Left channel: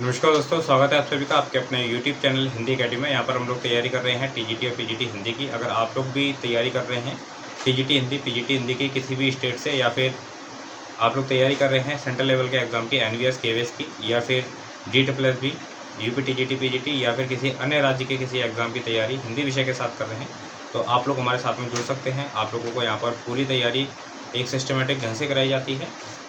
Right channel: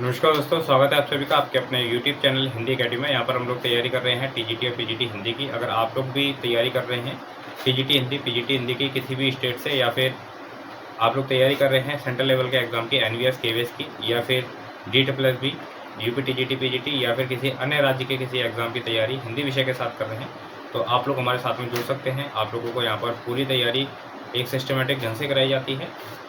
नमस्कार दोस्तों, स्वागत है आप सभी का आपके अपने YouTube चैनल हिंदी अकेडमी में। यहाँ पर हम लोग तैयारी कर रहे हैं टीजीटी और पीजीटी हिंदी की। अगर आप लोग भी तैयारी कर रहे हैं टीजीटी हिंदी, पीजीटी हिंदी की किसी भी स्टेट से, या फिर आप लोग तैयारी कर रहे हैं सेंट्रल लेवल के एग्ज़ाम की, एनवीएस, केवीएस की, या फिर DSSB, यूपी टीजीटी, पीजीटी, या फिर किसी अन्य राज्य के किसी एग्ज़ाम की तैयारी हिंदी विषय के साथ कर रहे हैं, तो आप लोग हमारे साथ में जुड़ सकते हैं। आप लोगों को यहाँ पर पूरी तैयारी एक सिस्टमेटिक ढंग से कराई जाती है।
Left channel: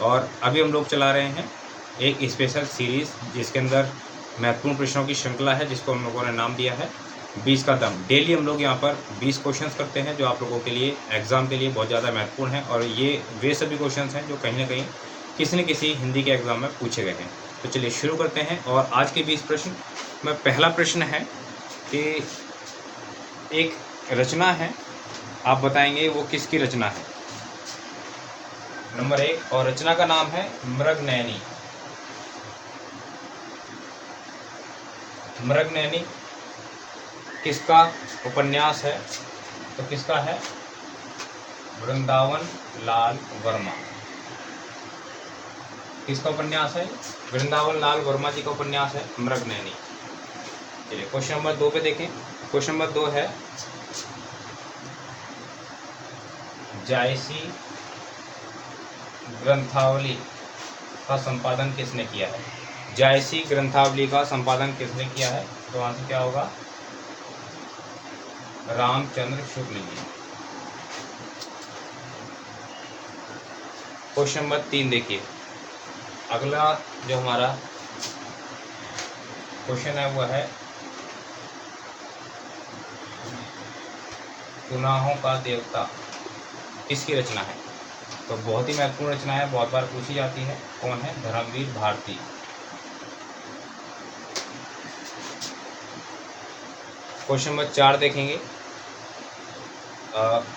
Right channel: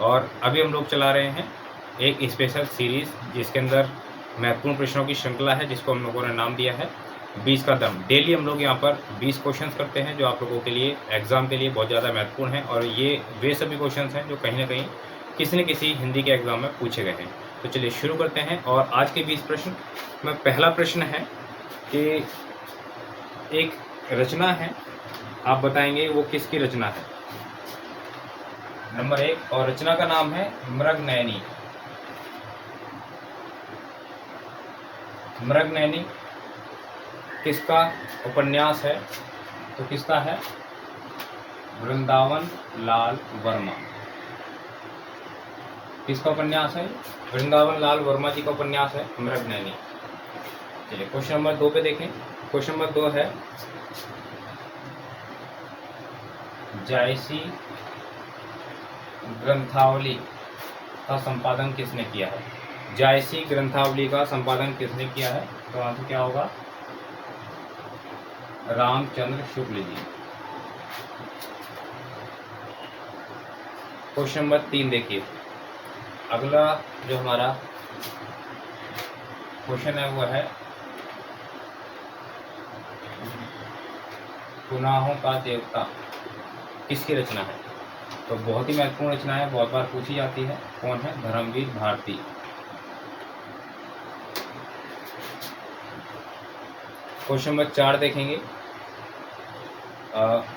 और अभी हम लोग चला रहे हैं एक स्पेशल सीरीज़, जिसके अंदर महत्वपूर्ण प्रश्नों की श्रृंखला है, जिसको हम लोगों ने नाम दिया है 20 का दम। डेली हम लोग यहाँ पर 20 क्वेश्चंस करते हैं, जो आप लोगों के लिए एग्ज़ाम के लिए बहुत ज़्यादा महत्वपूर्ण हैं। और ये वे सभी क्वेश्चंस हैं जो कहीं न कहीं किसी न किसी हिंदी के एग्ज़ाम में पूछे गए हैं। तो चलिए शुरू करते हैं। और आज के 20 प्रश्न में पहला प्रश्न है कि एक रचना है, आप बताएंगे वो किसकी रचना है। नंबर 1, और रचना का नाम है मृगनयनी। मृगनयनी किसका उपन्यास है? तो किसका है? वृंदावन लाल वर्मा। किसका उपन्यास है? वृंदावन लाल वर्मा जी का उपन्यास है मृगनयनी। चलिए क्वेश्चन नंबर 2 पे देखें। क्वेश्चन नंबर 2 है, जायसी ग्रंथावली का संपादन किसने किया है? जायसी ग्रंथावली का संपादन किसने किया है? तो आंसर क्या होगा? रामचंद्र शुक्ल जी। क्वेश्चन नंबर 3 देखिए। अगला जो हमारा क्वेश्चन है वो है, गुनाहों का देवता किसकी रचना है? तो बहुत ही महत्वपूर्ण रचना है, बहुत बार पूछी जाती है। कौन है? धर्मवीर भारती। क्वेश्चन नंबर 4 देखेंगे।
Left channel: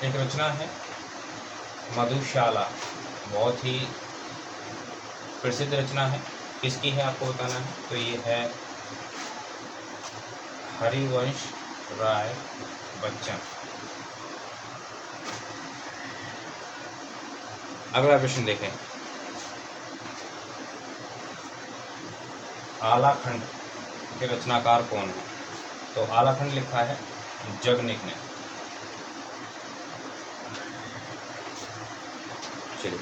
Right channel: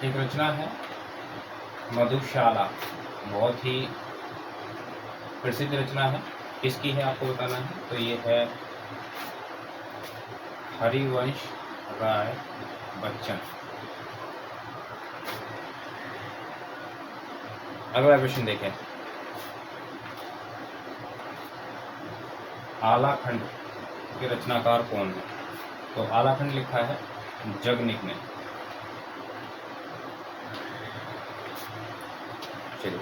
एक रचना है मधुशाला, बहुत ही प्रसिद्ध रचना है। किसकी है आपको बताना है। तो ये है हरिवंश राय बच्चन। अगला क्वेश्चन देखें। आलाखंड के रचनाकार कौन है? तो आलाखंड लिखा है जगनिक ने। चलिए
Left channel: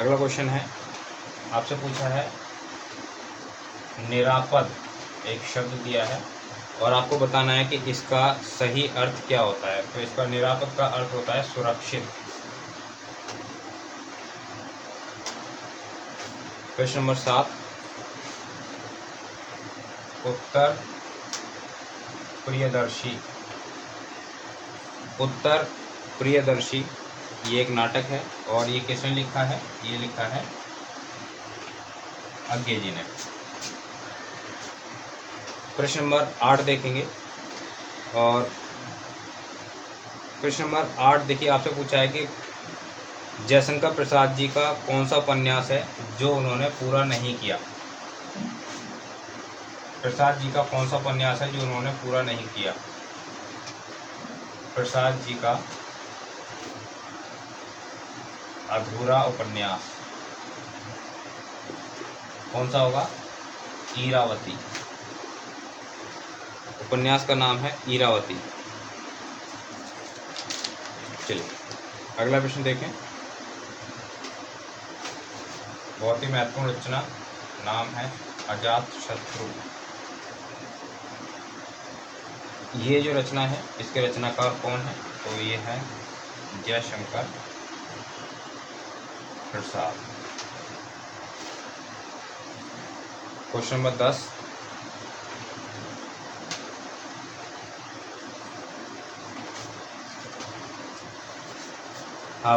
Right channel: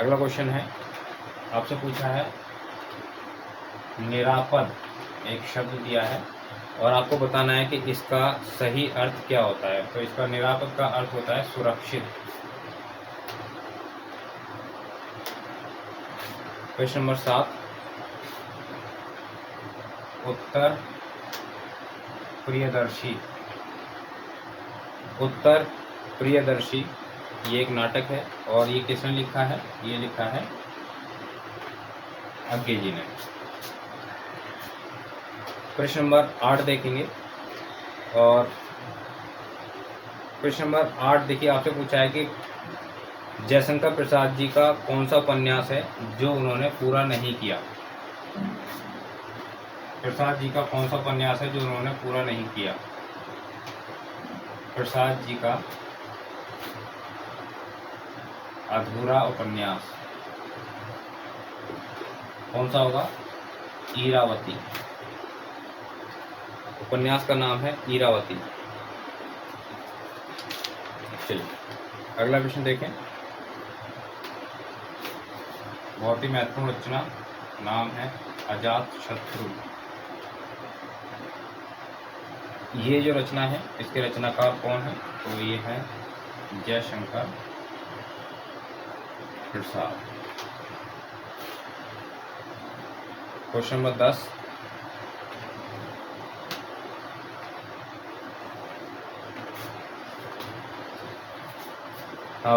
अगला क्वेश्चन है, आपसे पूछा है निरापद, एक शब्द दिया है और आपको बताना है कि इसका सही अर्थ क्या होता है। तो इसका निरापद का अर्थ होता है सुरक्षित। क्वेश्चन नंबर 7, उत्तर प्रियदर्शी। उत्तर प्रियदर्शी ये एक नाटक है, और ये किसने लिखा है? ये लिखा है अज्ञे जी ने। प्रश्न नंबर 8 देखेंगे। और प्रश्न नंबर 8 देखिए, आपसे पूछा है कि जयशंकर प्रसाद जी का कौन सा उपन्यास है जो उन्होंने पूरा नहीं किया? प्रसाद जी का कौन सा उपन्यास है जो उन्होंने पूरा नहीं किया? प्रसाद जी का अधूरा उपन्यास कौन सा होगा? इरावती। उपन्यास का नाम है इरावती। चलिए अगला प्रश्न देखें। बहुत ही महत्वपूर्ण रचना, नाम है अजातशत्रु। ये जो रचना है इसके रचनाकार कौन है? तो ये है Jaishankar Prasad. Question number 10,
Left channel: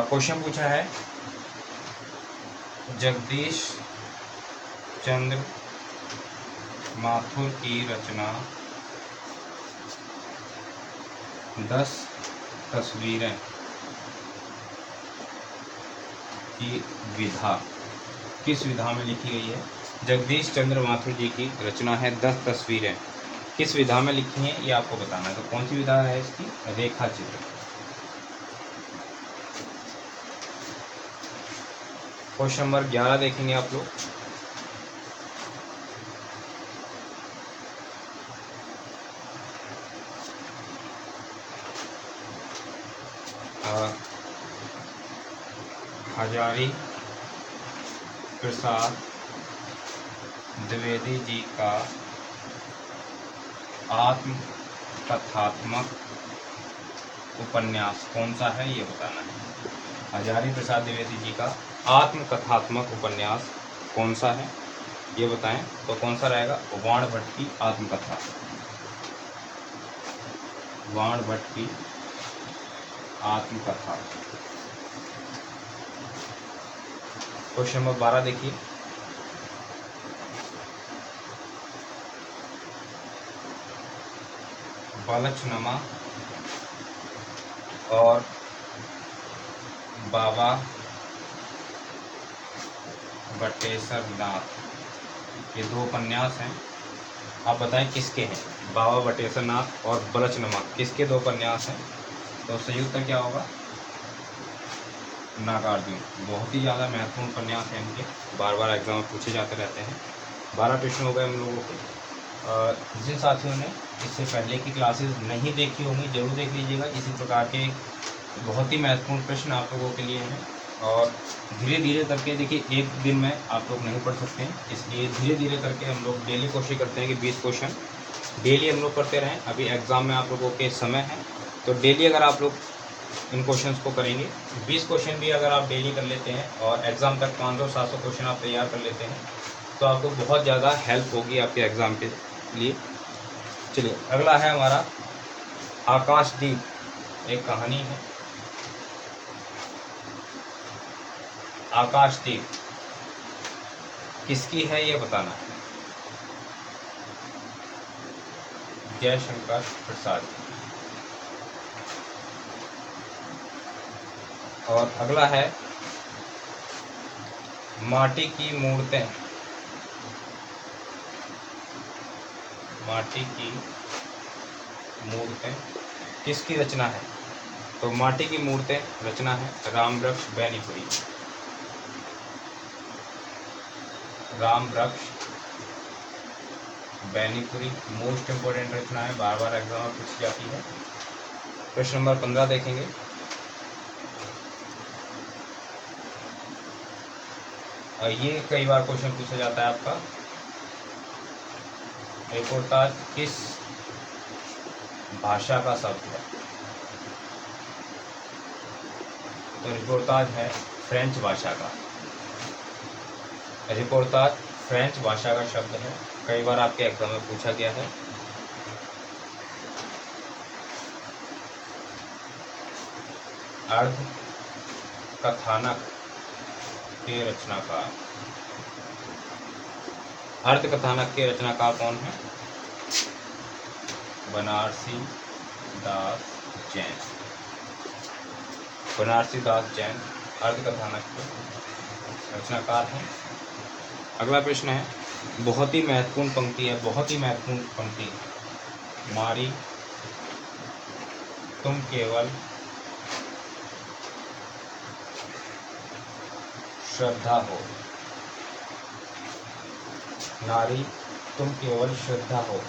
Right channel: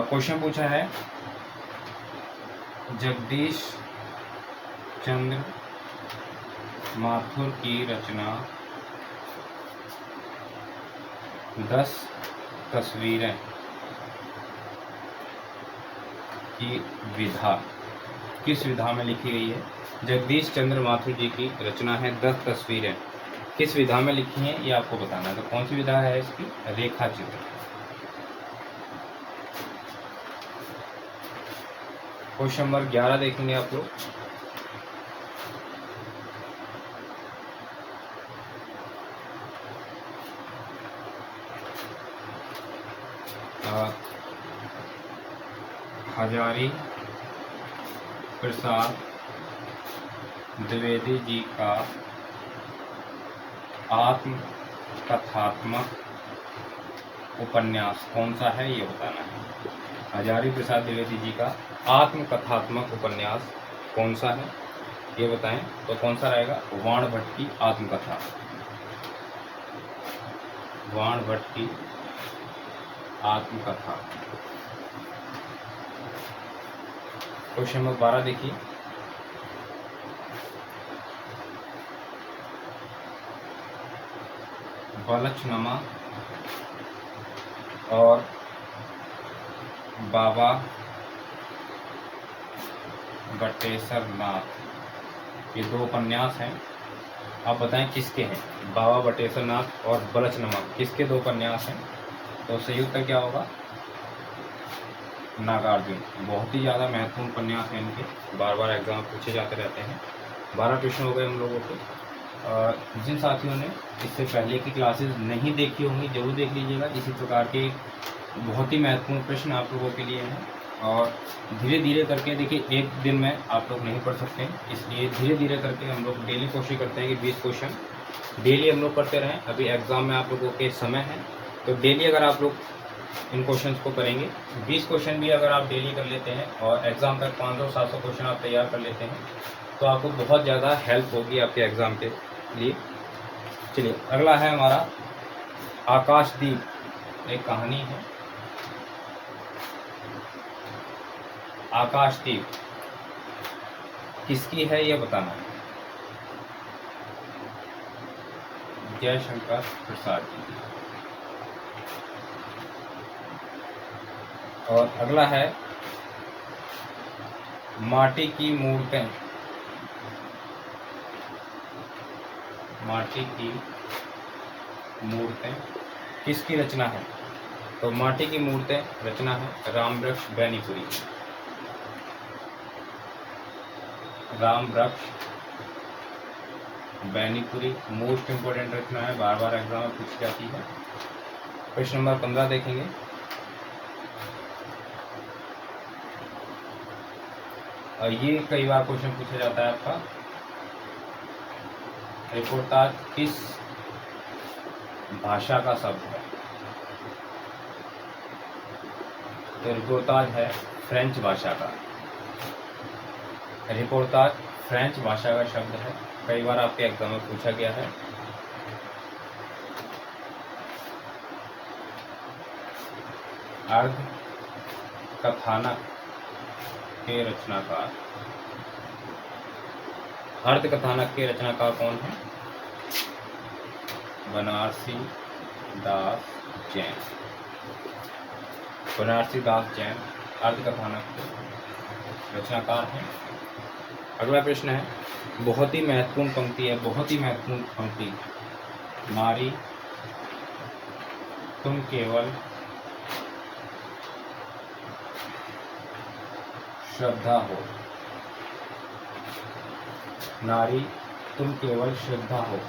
question पूछा है जगदीश चंद्र माथुर की रचना 10 तस्वीरें की विधा किस विधा में लिखी गई है? जगदीश चंद्र माथुर जी की रचना है 10 तस्वीरें, किस विधा में लिखी हैं ये आपको बताना है। तो कौन सी विधा है इसकी? रेखा चित्र। क्वेश्चन नंबर 11 देखेंगे आप लोग। हजारी प्रसाद द्विवेदी जी का आत्मकथात्मक उपन्यास कौन सा है, ये बताना है। हजारी प्रसाद द्विवेदी जी का आत्मकथात्मक उपन्यास कौन सा है, ये बताएं। तो कौन सा रहेगा? वाण भट्ट की आत्मकथा। वाण भट्ट की आत्मकथा। क्वेश्चन नंबर 12 देखिए। बलछनुमा और बाबा बटेश्वर नाथ, ये दो उपन्यास हैं। आप बताएं किसके हैं? बाबा बटेश्वर नाथ और बलछनुमा किसके दो उपन्यास हैं? तो सही उत्तर क्या होगा? नागार्जुन। बहुत ही ज़्यादा महत्वपूर्ण उपन्यास हैं इनके, बार बार एग्जाम में पूछे जाते रहते हैं। 12 प्रश्न हो गए हम लोगों को। जिन साथियों ने इससे पहले की क्लासेस नहीं देखी होंगी जरूर देख लीजिएगा। इसी प्रकार के बहुत ही महत्वपूर्ण प्रश्न आप लोगों के लिए हैं, और धीरे धीरे करके देखिए, एक दिन में आप लोग नहीं पढ़ सकते, इसलिए धीरे धीरे करके हम लोग डेली कोशिश करते हैं कि 20 क्वेश्चन डेली हम लोग करते रहें। अभी एग्ज़ाम में आप लोगों के समय है, तो डेली अगर आप लोग इन क्वेश्चंस को करेंगे, 20 क्वेश्चन भी अगर आप डेली कर लेते हैं और एग्ज़ाम तक 500-700 क्वेश्चन आप तैयार कर लेते हैं, तो आपको बहुत ज़्यादा हेल्प होगी आपके एग्ज़ाम के लिए। चलिए, अगला है हमारा आकाशदीप, एक कहानी है। आकाशदीप किसकी है, ये बताना। जयशंकर प्रसाद। और अगला है माटी की मूर्तें। माटी की मूर्तें किसकी रचना है? तो माटी की मूर्तें रचना है रामवृक्ष बैनीपुरी। रामवृक्ष बैनीपुरी मोस्ट इम्पोर्टेंट रचना है, बार बार एग्जाम में पूछी जाती है। क्वेश्चन नंबर 15 देखेंगे। ये कई बार क्वेश्चन पूछा जाता है आपका, रिपोर्टाज किस भाषा का शब्द है? तो रिपोर्टाज है फ्रेंच भाषा का। रिपोर्टाज फ्रेंच भाषा का शब्द है, कई बार आपके एग्जाम में पूछा गया है। अर्ध कथानक के रचनाकार। अर्ध कथानक के रचनाकार कौन है? बनारसी दास जैन। बनारसी दास जैन अर्ध कथानक के रचनाकार हैं। अगला प्रश्न है, बहुत ही महत्वपूर्ण पंक्ति है, बहुत ही महत्वपूर्ण पंक्ति। नारी तुम केवल श्रद्धा हो। नारी तुम केवल श्रद्धा हो,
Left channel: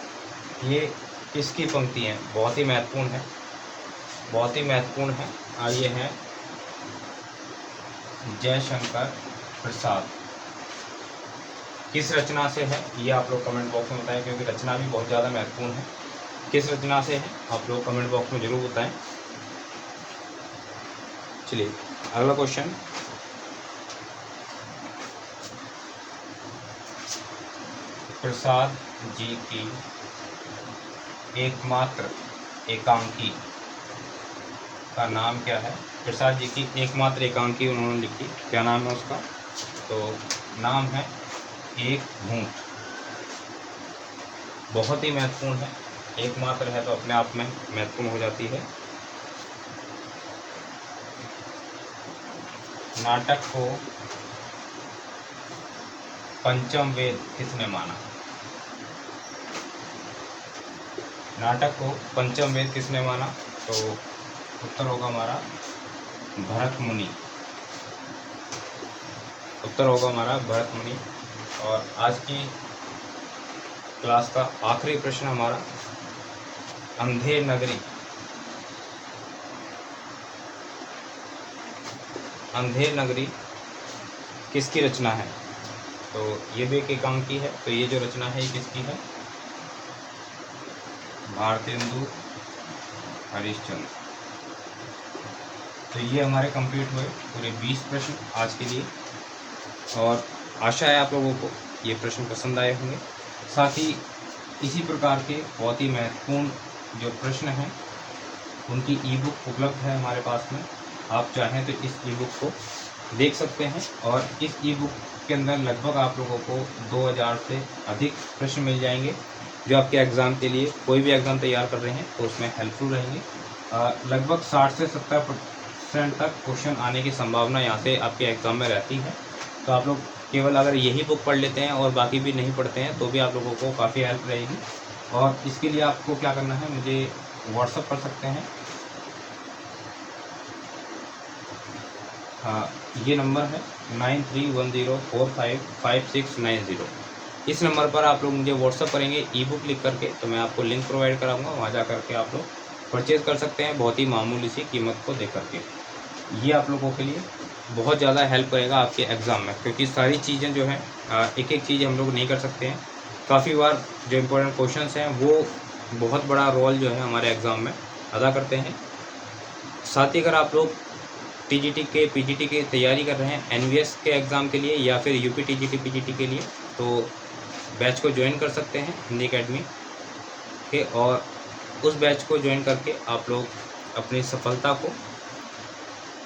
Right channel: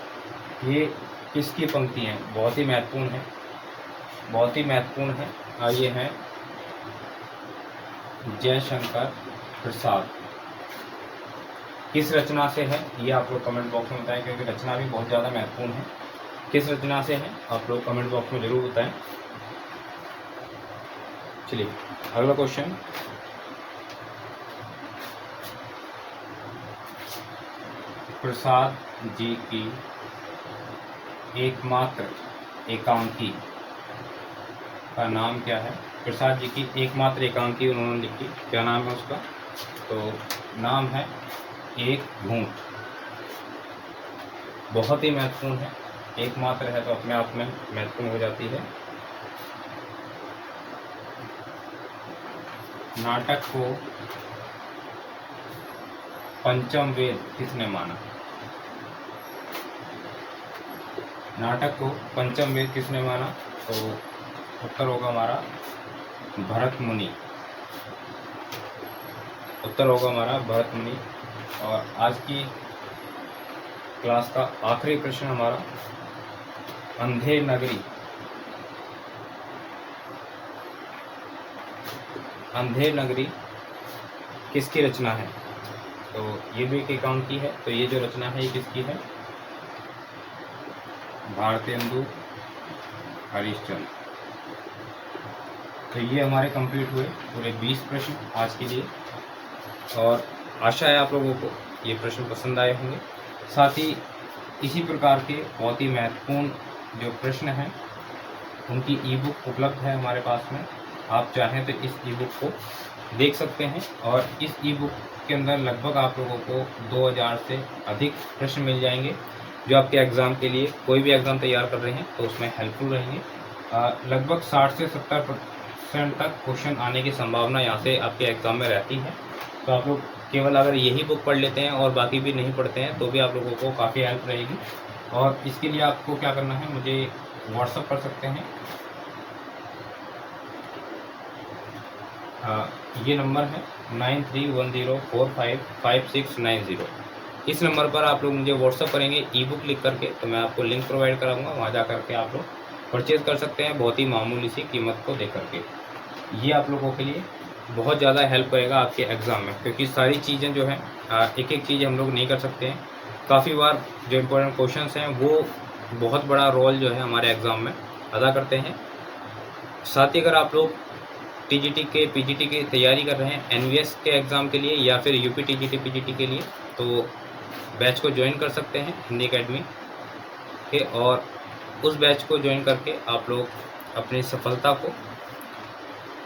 ये किसकी पंक्ति है? बहुत ही महत्वपूर्ण है, बहुत ही महत्वपूर्ण है। आइए हैं जयशंकर प्रसाद। किस रचना से है, ये आप लोग कमेंट बॉक्स में बताएं, क्योंकि रचना भी बहुत ज़्यादा महत्वपूर्ण है। किस रचना से है आप लोग कमेंट बॉक्स में जरूर बताएं। चलिए, अगला क्वेश्चन। प्रसाद जी की एकमात्र एकांकी का नाम क्या है? प्रसाद जी की एकमात्र एकांकी उन्होंने लिखी, क्या नाम है उसका? तो नाम है एक घूंट। बहुत ही महत्वपूर्ण है, एकमात्र है तो अपने आप में महत्वपूर्ण हो जाती है। नाटक को पंचम वेद किसने माना? नाटक को पंचम वेद किसने माना? तो उत्तर होगा हमारा भरत मुनि। उत्तर होगा हमारा भरत मुनि। और आज की क्लास का आखिरी प्रश्न हमारा, अंधेर नगरी अंधेर नगरी किसकी रचना है? तो ये भी एक काम की है। तो ये जो रचना है ये किसकी है? भारतेंदु हरिश्चंद्र। तो ये हमारे कंप्लीट हुए पूरे 20 प्रश्न आज के लिए, और आशा है आप लोगों को ये प्रश्न पसंद आए होंगे। साथ ही इसी प्रकार के बहुत ही महत्वपूर्ण जो प्रश्न हैं उनकी ई बुक उपलब्ध है हमारे पास में। आप चाहें तो इस ई बुक को देख सकते हैं, और इस ई बुक के अंदर लगभग आप लोगों को 2000 से अधिक प्रश्न मिल जाएंगे जो आपके एग्ज़ाम के लिए, कोई भी एग्ज़ाम तैयार कर रहे हैं तो उसमें हेल्पफुल रहेंगे। लगभग 60 से 70% तक क्वेश्चन आने की संभावना यहाँ से आपके एग्ज़ाम में रहती है। तो आप लोग केवल अगर यही बुक पढ़ लेते हैं और बाकी भी नहीं पढ़ते हैं तो भी आप लोगों को काफ़ी हेल्प रहेगी। और इसके लिए आपको क्या करना है, मुझे व्हाट्सअप कर सकते हैं। ये नंबर है 9310455690। इस नंबर पर आप लोग मुझे व्हाट्सअप करेंगे ई बुक लिख करके, तो मैं आपको लिंक प्रोवाइड कराऊंगा, वहाँ जा करके आप लोग परचेज़ कर सकते हैं बहुत ही मामूली सी कीमत को दे करके। ये आप लोगों के लिए बहुत ज़्यादा हेल्प करेगा आपके एग्ज़ाम में, क्योंकि सारी चीज़ें जो हैं एक एक चीज़ हम लोग नहीं कर सकते हैं। काफ़ी बार जो इम्पोर्टेंट क्वेश्चंस हैं वो बहुत बड़ा रोल जो है हमारे एग्ज़ाम में अदा करते हैं। साथ ही अगर आप लोग टीजीटी के पीजीटी की तैयारी कर रहे हैं एनवीएस के एग्ज़ाम के लिए या फिर यूपी टीजीटी पीजीटी के लिए, तो बैच को ज्वाइन कर सकते हैं हिंदी एकेडमी के, और उस बैच को ज्वाइन करके आप लोग अपनी सफलता को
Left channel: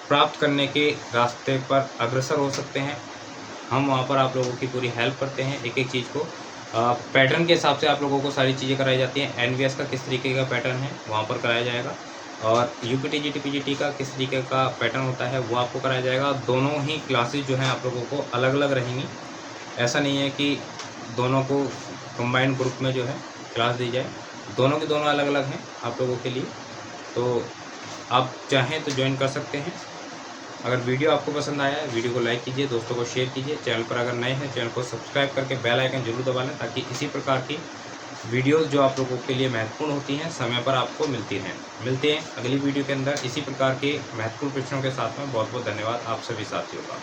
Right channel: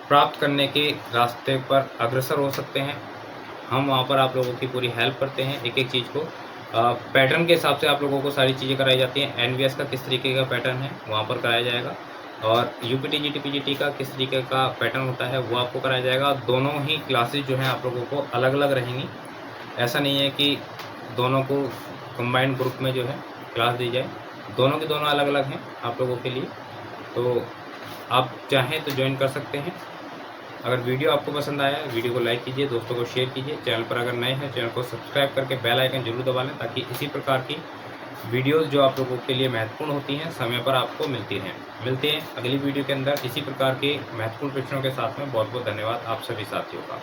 प्राप्त करने के रास्ते पर अग्रसर हो सकते हैं। हम वहाँ पर आप लोगों की पूरी हेल्प करते हैं, एक एक चीज़ को पैटर्न के हिसाब से आप लोगों को सारी चीज़ें कराई जाती हैं। एनवीएस का किस तरीके का पैटर्न है वहाँ पर कराया जाएगा, और यूपी टीजीटी पीजीटी का किस तरीके का पैटर्न होता है वो आपको कराया जाएगा। दोनों ही क्लासेस जो हैं आप लोगों को अलग अलग रहेंगी। ऐसा नहीं है कि दोनों को कंबाइंड ग्रुप में जो है क्लास दी जाए, दोनों के दोनों अलग अलग हैं आप लोगों के लिए। तो आप चाहें तो ज्वाइन कर सकते हैं। अगर वीडियो आपको पसंद आया है वीडियो को लाइक कीजिए, दोस्तों को शेयर कीजिए। चैनल पर अगर नए हैं चैनल को सब्सक्राइब करके बेल आइकन जरूर दबा लें, ताकि इसी प्रकार की वीडियोस जो आप लोगों के लिए महत्वपूर्ण होती हैं समय पर आपको मिलती रहें। मिलते हैं अगली वीडियो के अंदर इसी प्रकार के महत्वपूर्ण प्रश्नों के साथ में। बहुत बहुत धन्यवाद आप सभी साथियों का।